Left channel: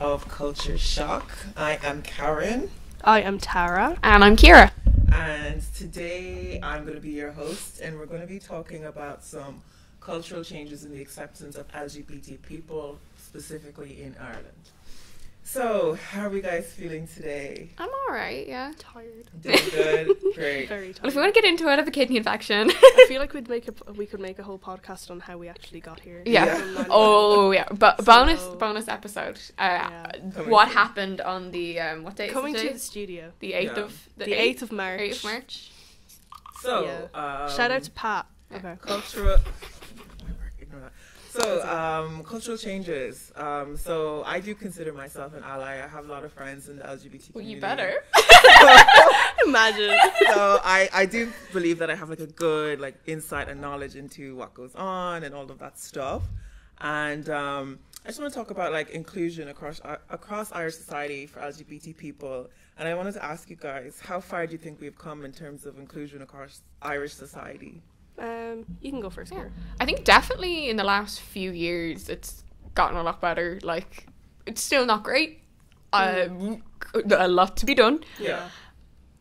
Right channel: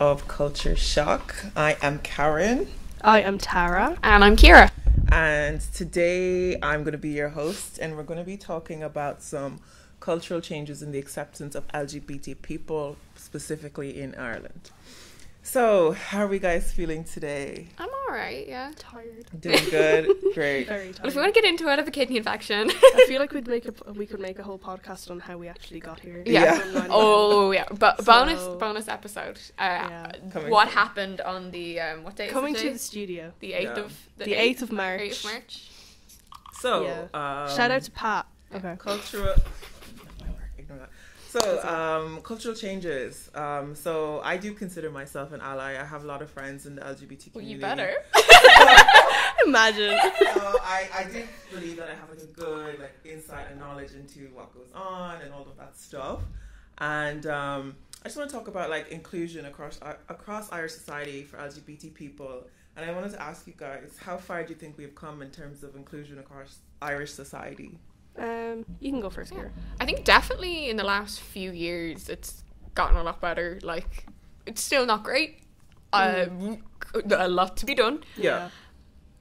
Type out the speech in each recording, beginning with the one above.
Of Culture Shock. I am Karen. I am Tara. And I'm Kira. And today I'm going to be your host, and we're going to be talking about some cultural changes in the acceptance of LGBT people, specifically in Ireland. So, how are we guys feeling today? I'm alright, yeah. Tired. Doing good? Great. Very tired. Well, if we want to get into it, I have a kidney infection. I feel like we could make a whole podcast on how we actually got here. Yeah. Oh, yeah. But bonus episode. What happened on the what date? Coming to the studio. The 8th of the 8th of March. 8th of March. So, shout out to Pat. Okay. Cultural changes. So I do consider myself an ally. I have a lot of friends in the LGBT community. Well, you better. Imagine. So I do believe that I have like a good insight and knowledge into what goes on and all of that stuff. And I just want to talk about inclusion across Irish society for LGBT people. And I wanted to ask you guys, how far do you think we've come in terms of inclusion across Irish society? You can go first, Kira. I think definitely in the last few years it's gotten a lot better. It's still not great. A lot to be done. Yeah.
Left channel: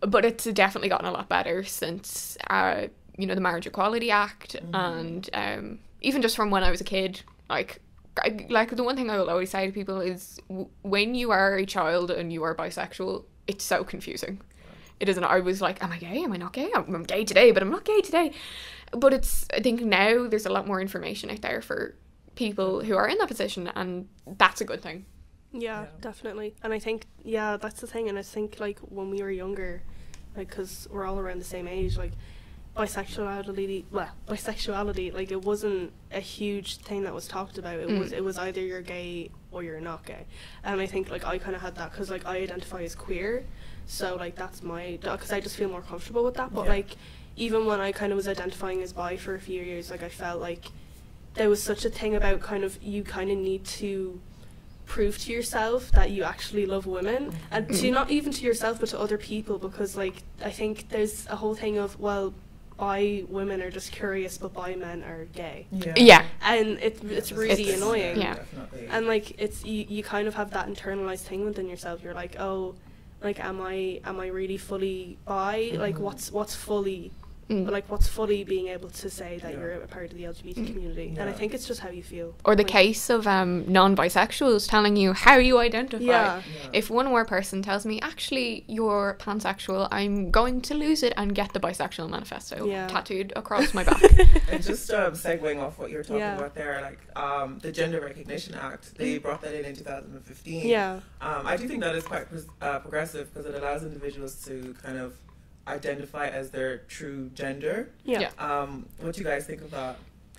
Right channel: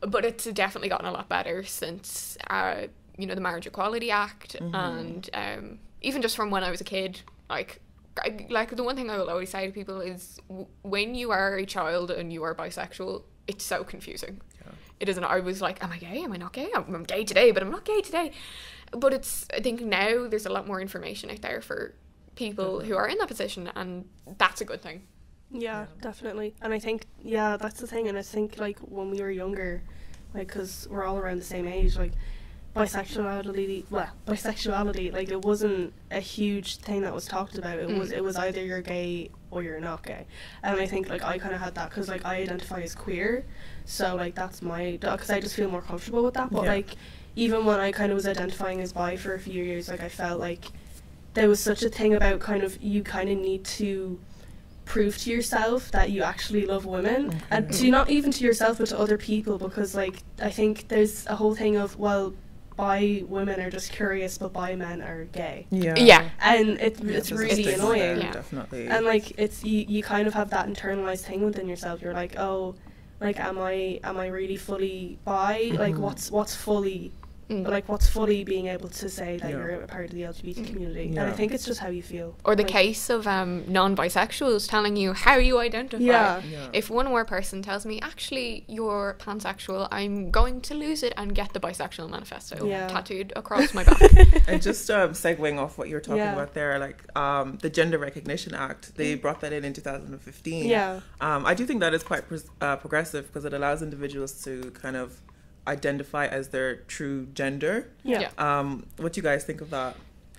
But it's definitely gotten a lot better since the Marriage Equality Act, and even just from when I was a kid. The one thing I will always say to people is when you are a child and you are bisexual, it's so confusing. It isn't. I was like, am I gay? Am I not gay? I'm gay today, but I'm not gay today. But I think now there's a lot more information out there for people who are in that position, and that's a good thing. Yeah, definitely. And I think, that's the thing. And I think, when we were younger, because we're all around the same age, bisexuality, it wasn't a huge thing that was talked about. It was either you're gay or you're not gay. And I think, I kind of had that because, I identify as queer. So, that's because I just feel more comfortable with that. But, even when I kind of was identifying as bi for a few years, I felt like there was such a thing about you kind of need to prove to yourself that you actually love women. And to not even to yourself, but to other people. Because, I think there's a whole thing of, bi women are just curious, but bi men are gay. Yeah. And it's really annoying. Yeah, definitely. And, it's you kind of have that internalized thing within yourself. You're like, oh, am I really fully bi? What's fully what's fully being able to say that you're a part of the LGBT community? And I think it's just how you feel. Or the case of non-bisexuals telling you how you identify. Yeah. If one more person tells me, actually, you're pansexual, I'm going to lose it and get the bisexual manifesto tattooed across my back. And just segueing off what you're talking about there, the Gender Recognition Act, they brought that in 2015. Yeah. I do think that is quite progressive because it allows individuals to kind of identify as their true gender. What do you guys think of that?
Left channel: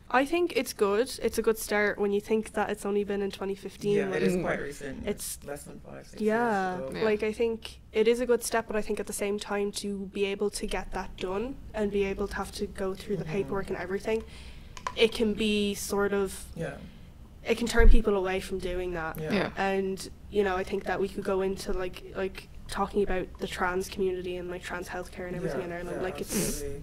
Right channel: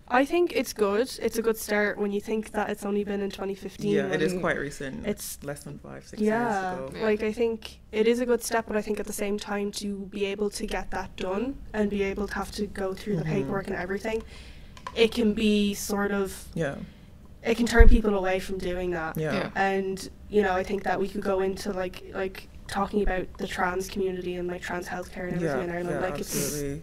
I think it's good. It's a good start when you think that it's only been in 2015. Yeah, it is quite recent. It's less than 5-6 years ago. I think it is a good step, but I think at the same time to be able to get that done and be able to have to go through the paperwork and everything, it can be sort of it can turn people away from doing that. And I think that we could go into talking about the trans community and trans healthcare and everything in Ireland.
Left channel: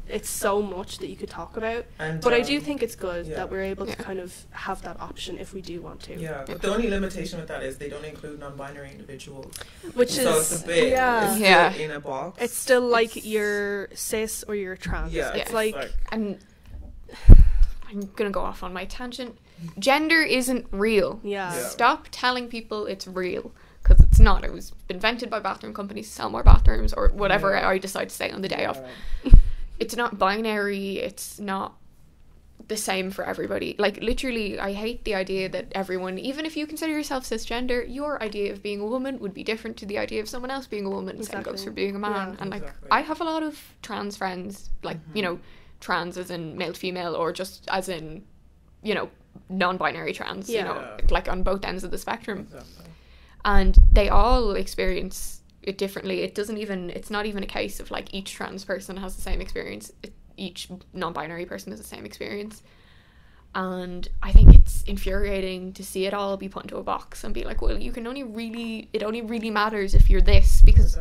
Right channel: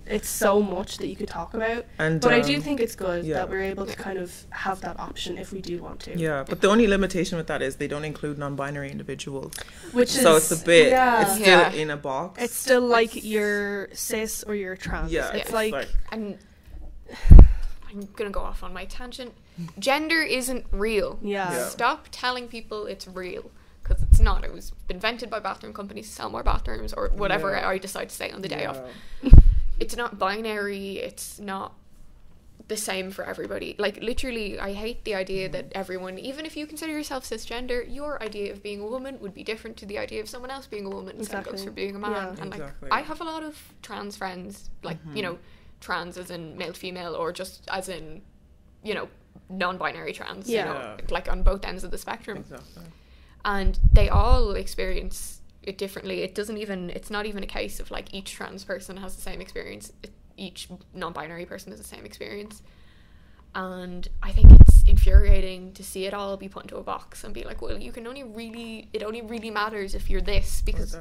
It's so much that you could talk about. But I do think it's good that we're able to kind of have that option if we do want to. Yeah, but the only limitation with that is they don't include non-binary individuals. So it's a bit it's still in a box. It's still you're cis or you're trans. Yeah, it's and I'm gonna go off on my tangent. Gender isn't real. Stop telling people it's real. Because it's not. It was invented by bathroom companies to sell more bathrooms or whatever I decide to say on the day of. It's not binary. It's not the same for everybody. Literally, I hate the idea that everyone, even if you consider yourself cisgender, your idea of being a woman would be different to the idea of someone else being a woman. Same goes for being a man. And I have a lot of trans friends, trans as in male to female, or just as in, you know, non-binary trans, you Yeah. know, like on both ends of the spectrum. Exactly. And they all experience it differently. It's not even a case of like each trans person has the same experience. Each non-binary person has the same experience. And I think it's infuriating to see it all be put into a box and be like, well, it only really matters if you're this, because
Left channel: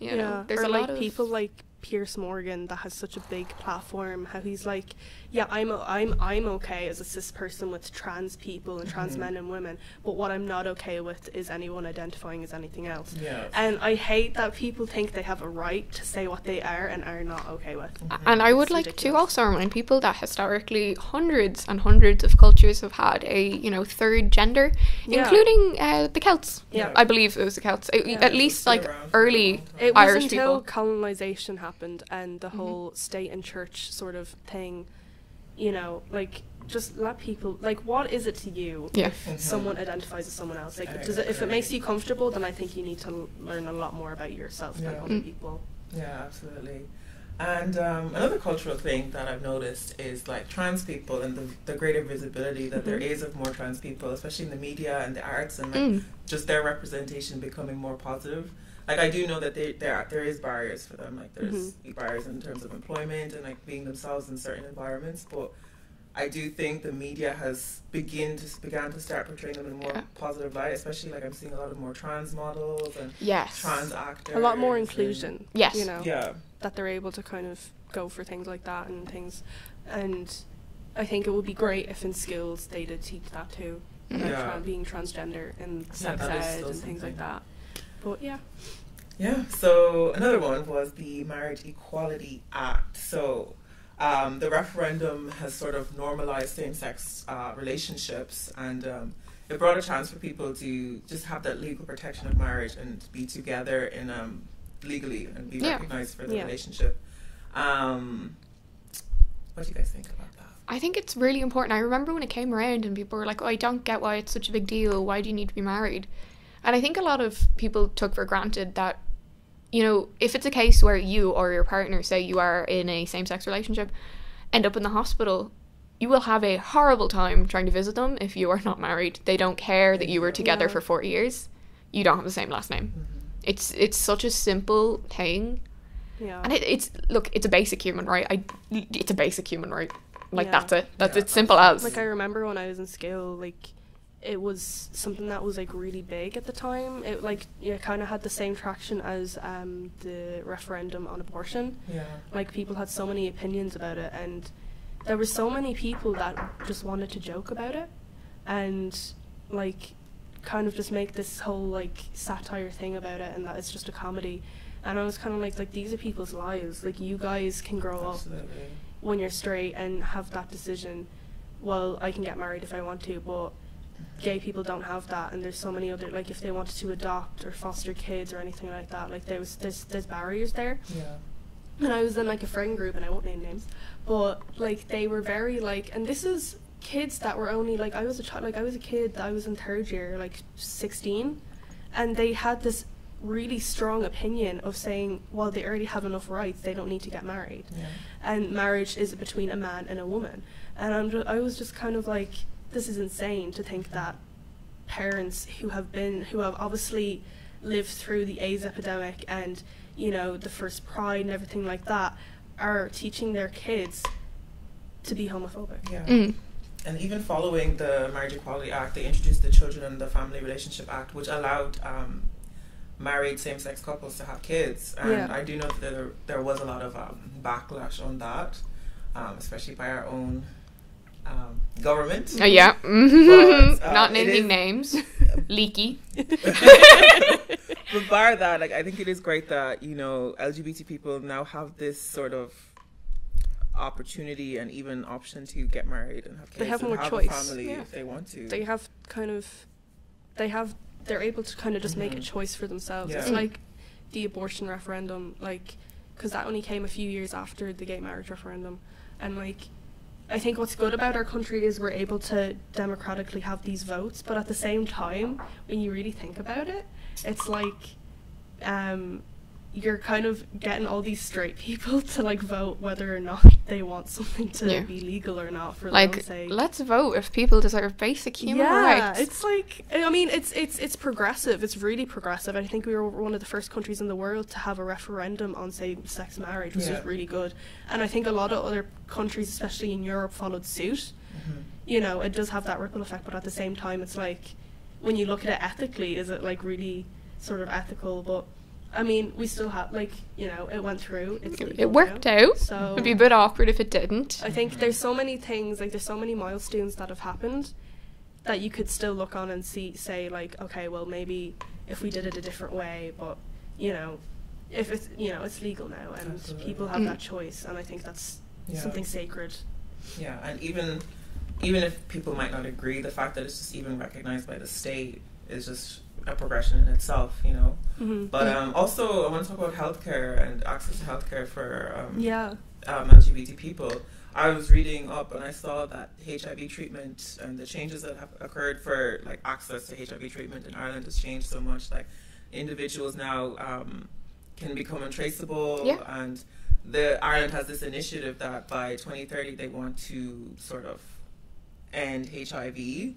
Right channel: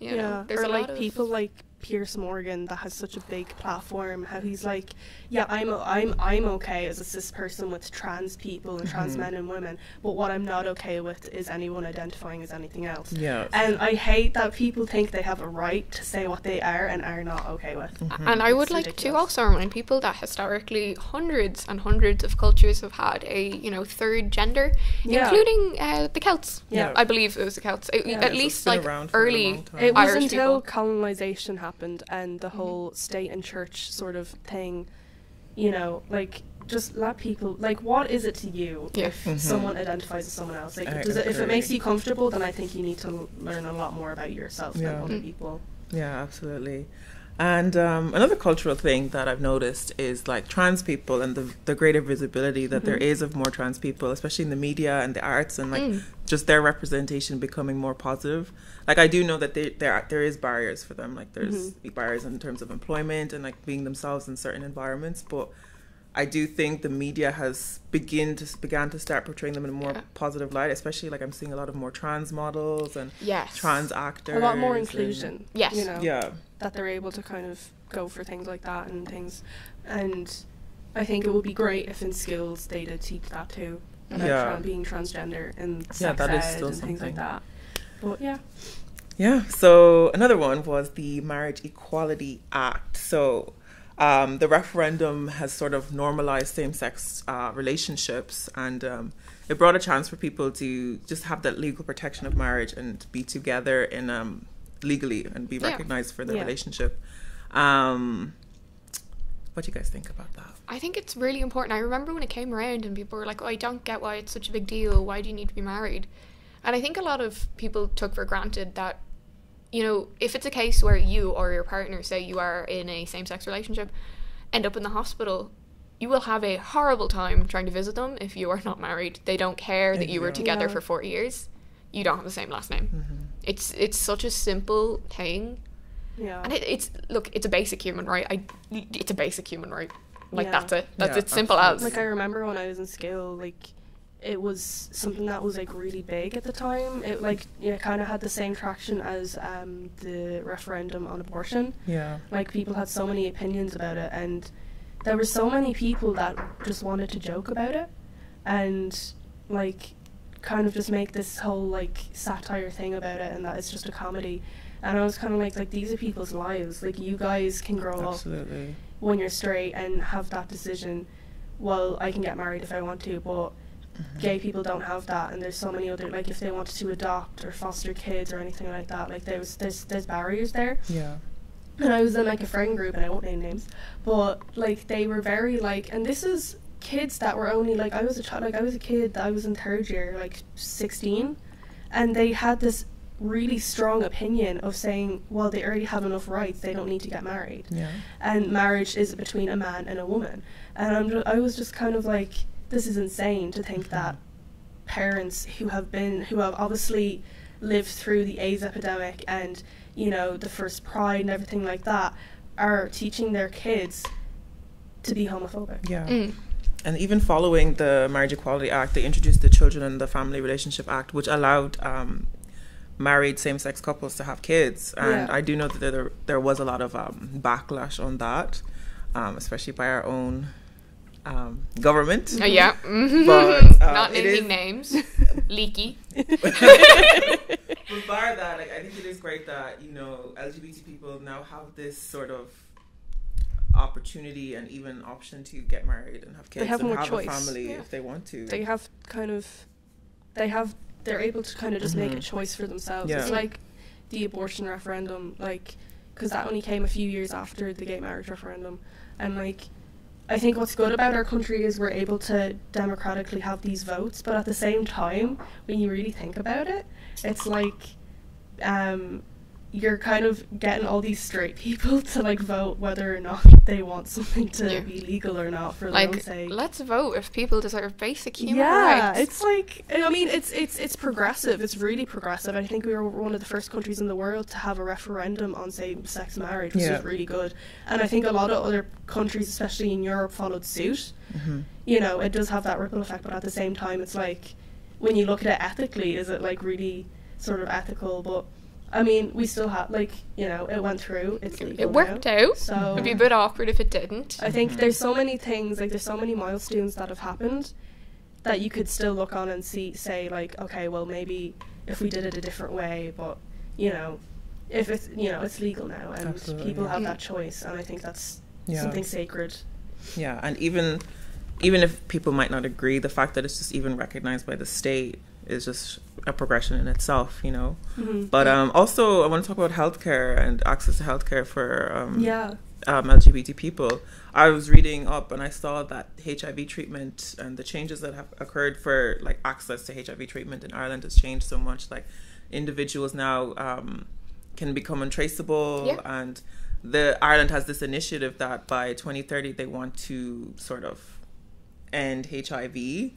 you know, there's or a like lot of people like Piers Morgan that has such a big platform, how he's like, yeah, I'm okay as a cis person with trans people and trans men and women, but what I'm not okay with is anyone identifying as anything else. Yeah. And I hate that people think they have a right to say what they are and are not okay with. And I would It's like to ridiculous. also remind people that historically hundreds and hundreds of cultures have had a, you know, third gender, Yeah. including the Celts. Yeah. I believe it was the Celts. At So least it's been like around for a early long time. It was Irish until people. colonization happened and the whole state and church sort of thing, you know, like, just let people, like, what is it to you Yeah. if someone identifies as someone else? Like, I if it agree. makes you comfortable, then I think you need to learn a lot more about yourself than Yeah. other people. Yeah, absolutely. And another cultural thing that I've noticed is like trans people and the greater visibility that there is of more trans people, especially in the media and the arts, and like just their representation becoming more positive. Like, I do know that there is barriers for them. Like, there's big barriers in terms of employment and like being themselves in certain environments. But I do think the media has began to start portraying them in a more positive light. Especially like I'm seeing a lot of more trans models and Yes. trans actors. A lot more and- inclusion. Yes. You know, Yeah. that they're able to kind of go for things like that and things. And I think it would be great if in schools they did teach that too. About Yeah. being transgender and Yeah, sex that is ed still and things like something. that. But yeah. Yeah, so another one was the Marriage Equality Act. So the referendum has sort of normalized same-sex relationships, and it brought a chance for people to just have that legal protection of marriage and be together in legally and be recognized for the relationship. What do you guys think about that? I think it's really important. I remember when it came around and people were like, oh, I don't get why it's such a big deal. Why do you need to be married? And I think a lot of people took for granted that, you know, if it's a case where you or your partner, say you are in a same-sex relationship, end up in the hospital, you will have a horrible time trying to visit them if you are not married. They don't care that you were together for 4 years. You don't have the same last name. It's such a simple thing. Yeah. And it's a basic human right. It's a basic human right. Like, Yeah. that's it. That's Yeah, it's simple as. Like, I remember when I was in school, like, it was something that was, like, really big at the time. It, like, kind of had the same traction as the referendum on abortion. Yeah. Like, people had so many opinions about it, and there were so many people that just wanted to joke about it and, like, kind of just make this whole, like, satire thing about it, and that it's just a comedy. And I was kind of like, these are people's lives. Like, you guys can grow up Absolutely. when you're straight and have that decision. Well, I can get married if I want to, but gay people don't have that, and there's so many other, like, if they wanted to adopt or foster kids or anything like that, like, there's barriers there. Yeah. And I was in, like, a friend group, and I won't name names, but, like, they were very, like, and this is kids that were only, like, I was a child, like, I was a kid, I was in third year, like, 16, and they had this really strong opinion of saying, well, they already have enough rights, they don't need to get married. Yeah. And marriage is between a man and a woman. And I was just kind of like, this is insane to think that parents who have obviously lived through the AIDS epidemic and, you know, the first Pride and everything like that, are teaching their kids to be homophobic. Yeah. And even following the Marriage Equality Act, they introduced the Children and the Family Relationship Act, which allowed married same-sex couples to have kids. And I do know that there was a lot of backlash on that, especially by our own government. Yeah. But, Not it naming is- names. Leaky. But bar that, like, I think it is great that, you know, LGBT people now have this sort of opportunity and even option to get married and have kids. They have and more have choice. a family Yeah. if they want to. They're able to kind of just make a choice for themselves. Yeah. It's like the abortion referendum, like, because that only came a few years after the gay marriage referendum. And, like, I think what's good about our country is we're able to democratically have these votes, but at the same time, when you really think about it, it's like, you're kind of getting all these straight people to like vote whether or not they want something to be legal or not for their own Like, sake. let's vote if people deserve basic human Yeah, rights. it's like, I mean, it's progressive. It's really progressive. I think we were one of the first countries in the world to have a referendum on same-sex marriage, which was really good. And I think a lot of other countries, especially in Europe, followed suit. You know, it does have that ripple effect, but at the same time, it's like, when you look at it ethically, is it like really sort of ethical? But I mean, we still have, like, you know, it went through. It's legal It worked now, out. So It'd be a bit awkward if it didn't. I think there's so many things, like there's so many milestones that have happened that you could still look on and say like, okay, well maybe if we did it a different way, but you know, if it's, you know, it's legal now and people have that choice, and I think that's something sacred. Yeah, and even if people might not agree, the fact that it's just even recognized by the state is just a progression in itself, you know. But also I want to talk about healthcare and access to healthcare for LGBT people. I was reading up and I saw that HIV treatment and the changes that have occurred for like access to HIV treatment in Ireland has changed so much. Like individuals now can become untraceable, and Ireland has this initiative that by 2030 they want to sort of end HIV.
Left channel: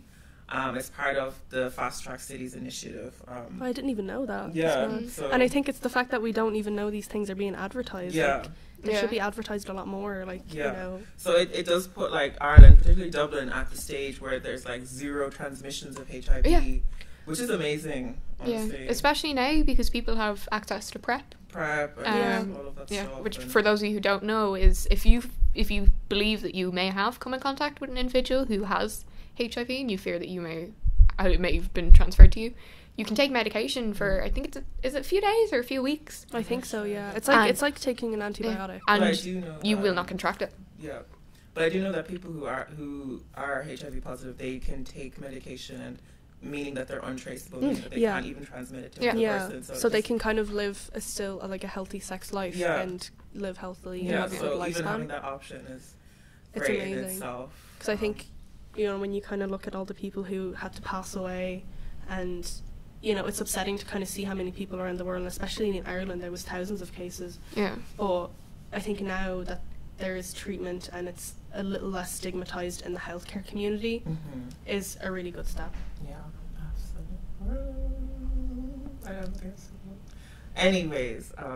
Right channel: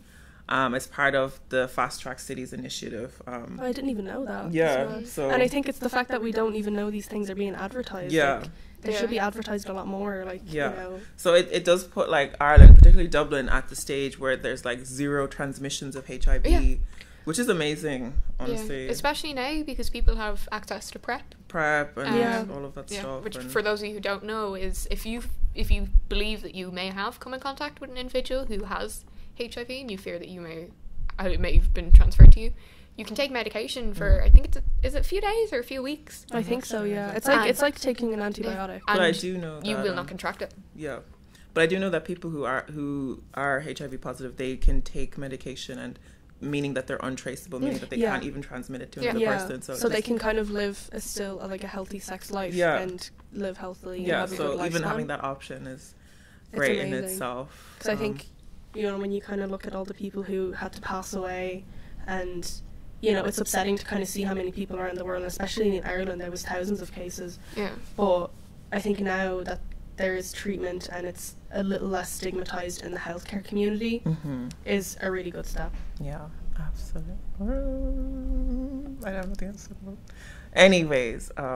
It's part of the Fast Track Cities initiative. I didn't even know that. Yeah. And I think it's the fact that we don't even know these things are being advertised. Yeah. Like, they should be advertised a lot more. Like, you know. So it does put like Ireland, particularly Dublin, at the stage where there's like zero transmissions of HIV, which is amazing, honestly. Yeah, especially now because people have access to PrEP and all of that yeah, stuff. which and for those of you who don't know is if you believe that you may have come in contact with an individual who has HIV and you fear that it may have been transferred to you, you can take medication for I think is it a few days or a few weeks? I think so, yeah. It's like taking an antibiotic. And I do know you that, will not contract it. Yeah. But I do know that people who are HIV positive, they can take medication, and meaning that they're untraceable, meaning that they can't even transmit it to another person. So they can kind of live a healthy sex life and live healthily and have a good lifespan. Even having that option is great in itself. Because I think, you know, when you kind of look at all the people who had to pass away, and you know, it's upsetting to kind of see how many people are in the world, and especially in Ireland there was thousands of cases. Yeah. But I think now that there is treatment and it's a little less stigmatized in the healthcare community is a really good step. Yeah, absolutely. I don't think that's so cool. Anyways, guys, I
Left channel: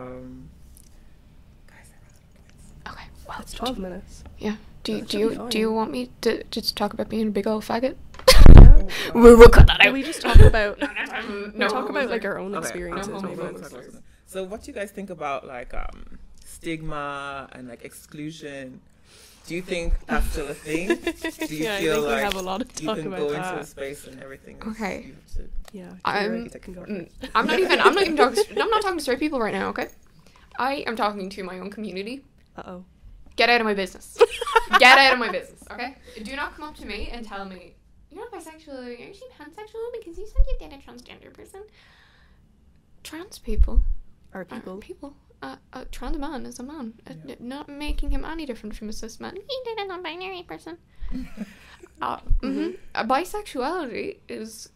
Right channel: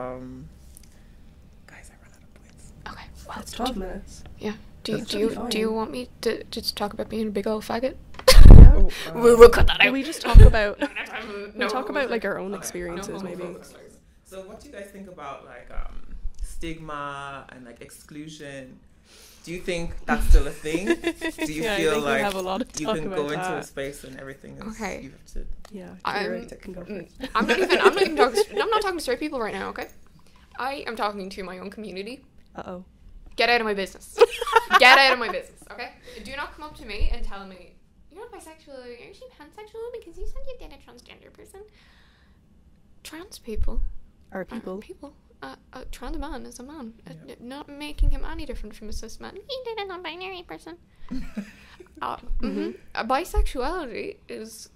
ran out of points. Okay, well, It's 12 minutes. Yeah. Do you want me to just talk about being a big old faggot? Yeah. We'll cut that out. We just talk about No, talk about like our own Okay. experiences, maybe. So what do you guys think about like stigma and like exclusion? Do you think that's still a thing? Do you Yeah, I feel think we like have a lot of you talk can about go into that. a space and everything is, Okay. you have to, Yeah, I'm can go first. I'm not even talking I'm not talking to straight people right now, okay? I am talking to my own community. Uh-oh. Get out of my business. Get out of my business, okay? Do not come up to me and tell me, you're not bisexual, you're actually pansexual because you said you did a transgender person. Trans people Are people. people. A trans man is a man. Not making him any different from a cis man. He did a non-binary person. Bisexuality is,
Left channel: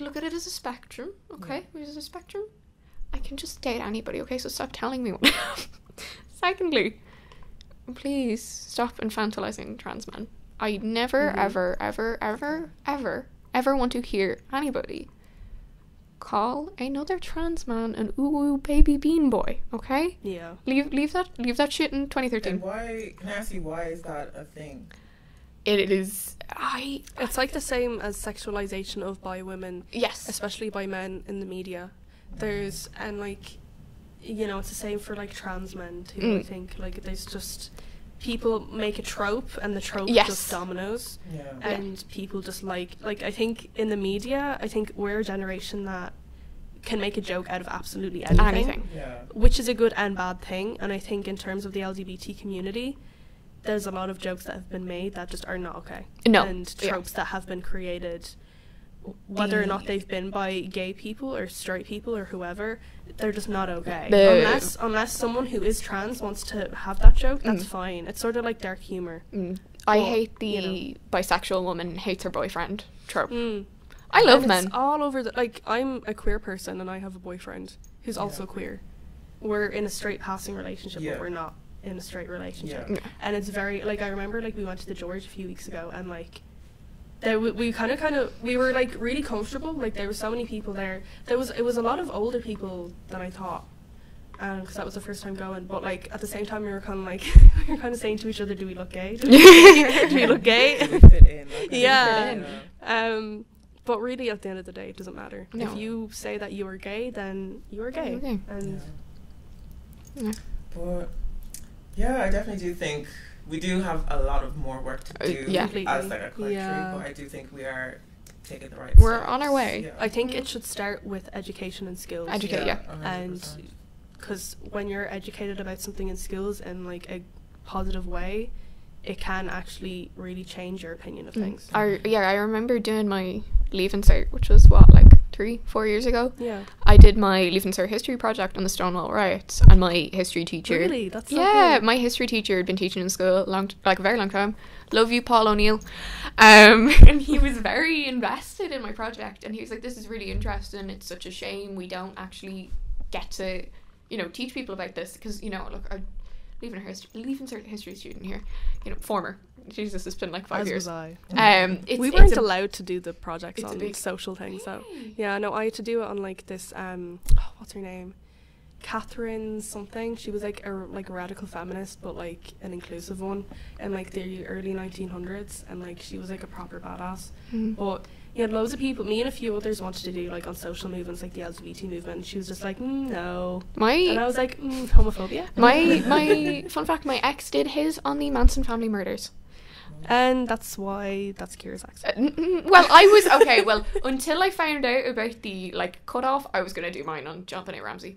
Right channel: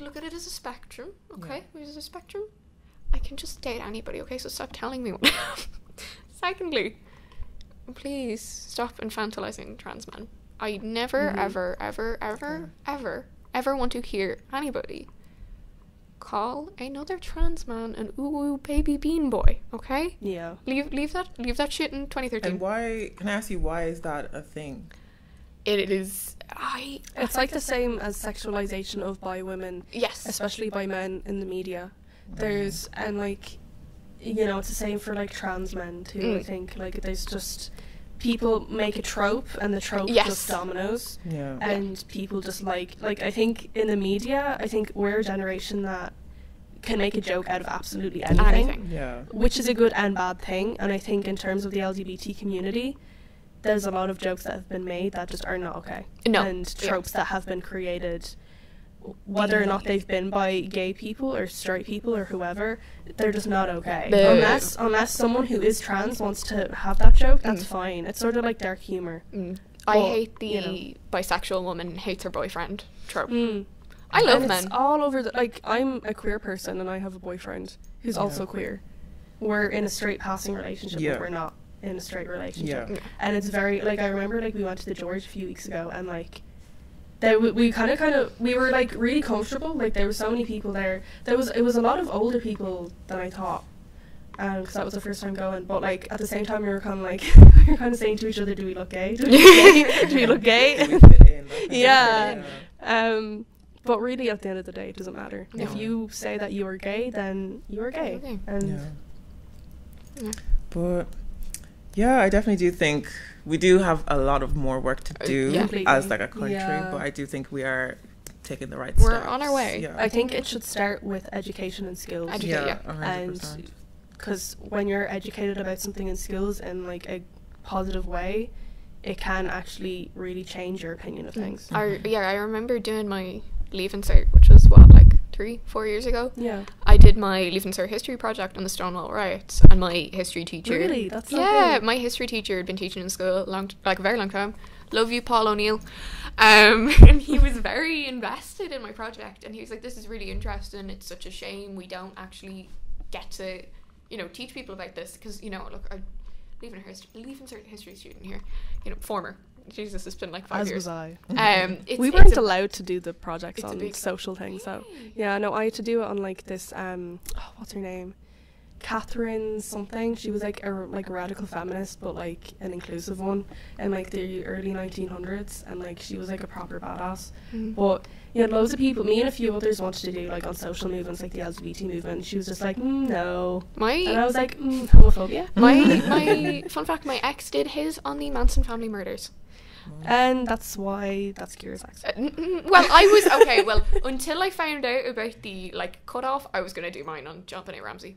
look at it as a spectrum, okay? It is a spectrum. I can just date anybody, okay? So stop telling me what. Secondly, please stop infantilizing trans men. I never, ever, ever, ever, ever, ever want to hear anybody call another trans man an ooh baby bean boy, okay? Yeah. Leave that shit in 2013. and why, can I ask you, why is that a thing? It is, It's like the same as sexualization of bi women, yes. especially by men in the media. There's, and like, you know, it's the same for like trans men too, I think. Like, there's just, people make a trope and the trope just dominoes. Yeah. And people just like I think in the media, I think we're a generation that can make a joke out of absolutely anything. Yeah. Which is a good and bad thing. And I think in terms of the LGBT community, there's a lot of jokes that have been made that just are not okay. No. And tropes that have been created, whether or not they've been by gay people or straight people or whoever, they're just not okay. Unless someone who is trans wants to have that joke, that's fine. It's sort of like dark humor. I hate the you know. bisexual woman hates her boyfriend trope. I love And men. it's all over the, like, I'm a queer person and I have a boyfriend who's also queer. we're in a straight passing relationship, Yeah. but we're not in a straight relationship. Yeah. And it's very, like, I remember, like, we went to the George a few weeks ago, and, like, we kind of we were, like, really comfortable. Like, there were so many people there. It was a lot of older people than I thought, because that was the first time going. But, like, at the same time, we were kind of like we were kind of saying to each other, do we look gay? Do we look gay? Yeah. But really, at the end of the day, it doesn't matter. No. If you say that you are gay, then you are gay. Okay. And But yeah, I definitely do think we do have a lot of more work to do Yeah. as like a country. Yeah. But I do think we are taking the right We're steps. on our way. Yeah. I think it should start with education and skills. Yeah. 100%. And because when you're educated about something in schools in like a positive way, it can actually really change your opinion of things. I remember doing my Leaving Cert, which was what, like 3-4 years ago. Yeah. I did my Leaving Cert history project on the Stonewall riots, and my history teacher. Really? That's so yeah, cool. my history teacher had been teaching in school a very long time. Love you, Paul O'Neill. And he was very invested in my project, and he was like, "This is really interesting. It's such a shame we don't actually get to, teach people about this, because look, I'm Leaving Cert history student here, former." Jesus, it's been like 5 As years. was I. It's We weren't a- allowed to do the projects it's a on big- social things, so yeah, no, I had to do it on like this what's her name? Catherine something. She was like a radical feminist, but like an inclusive one in like the early 1900s, and like she was like a proper badass. But you had loads of people, me and a few others, wanted to do like on social movements like the LGBT movement, and she was just like, no. And I was like, homophobia. My fun fact, my ex did his on the Manson family murders. And that's why that's Kira's accent. Well, I was okay. Well, until I found out about the like cutoff, I was gonna do mine on John Benet Ramsey.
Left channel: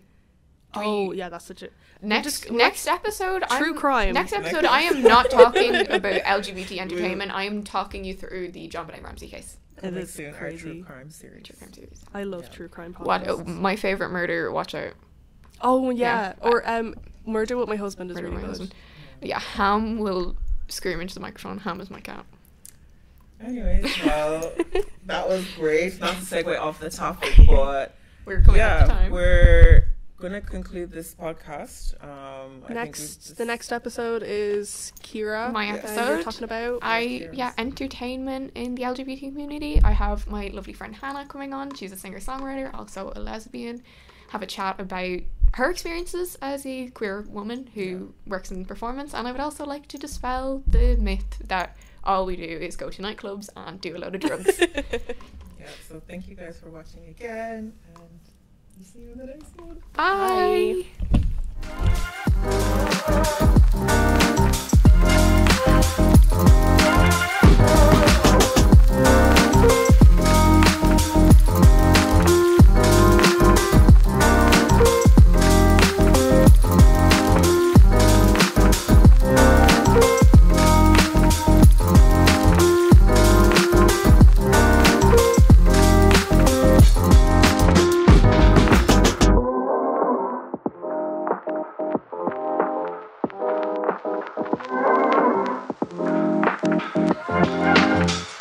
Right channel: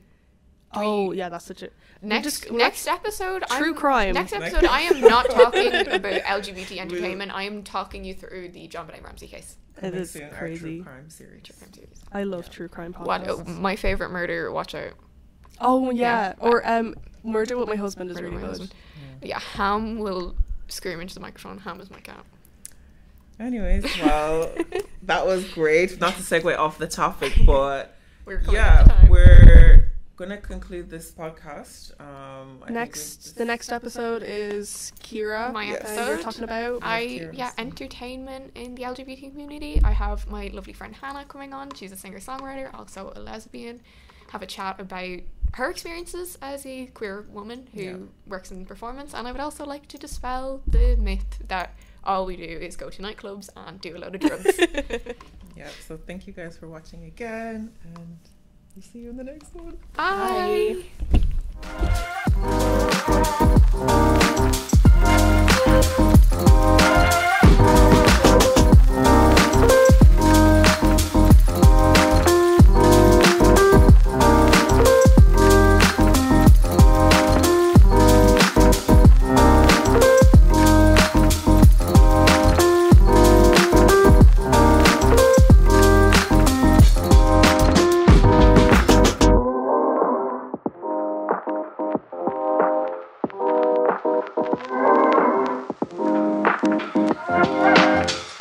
Oh yeah, that's such a Next episode, true crime. Next episode, I am not talking about LGBT entertainment. I am talking you through the John Benet Ramsey case. It is True crazy. crime series. True crime series. I love true crime What? podcasts. My favorite murder. Watch out. Oh yeah, Yeah. or Murder with My Husband is Murder really My good. Husband. Yeah, Ham will scream into the microphone. Ham is my cat. Anyways, well, that was great. Not to segue off the topic, but We're coming up to time. we're gonna conclude this podcast. I think The next episode is Kira. My Yes. and we're episode. talking about. Entertainment in the LGBT community. I have my lovely friend Hannah coming on. She's a singer-songwriter, also a lesbian. Have a chat about her experiences as a queer woman who works in performance, and I would also like to dispel the myth that all we do is go to nightclubs and do a load of drugs. Yeah, so thank you guys for watching again, and we'll see you in the next one. Bye. Bye.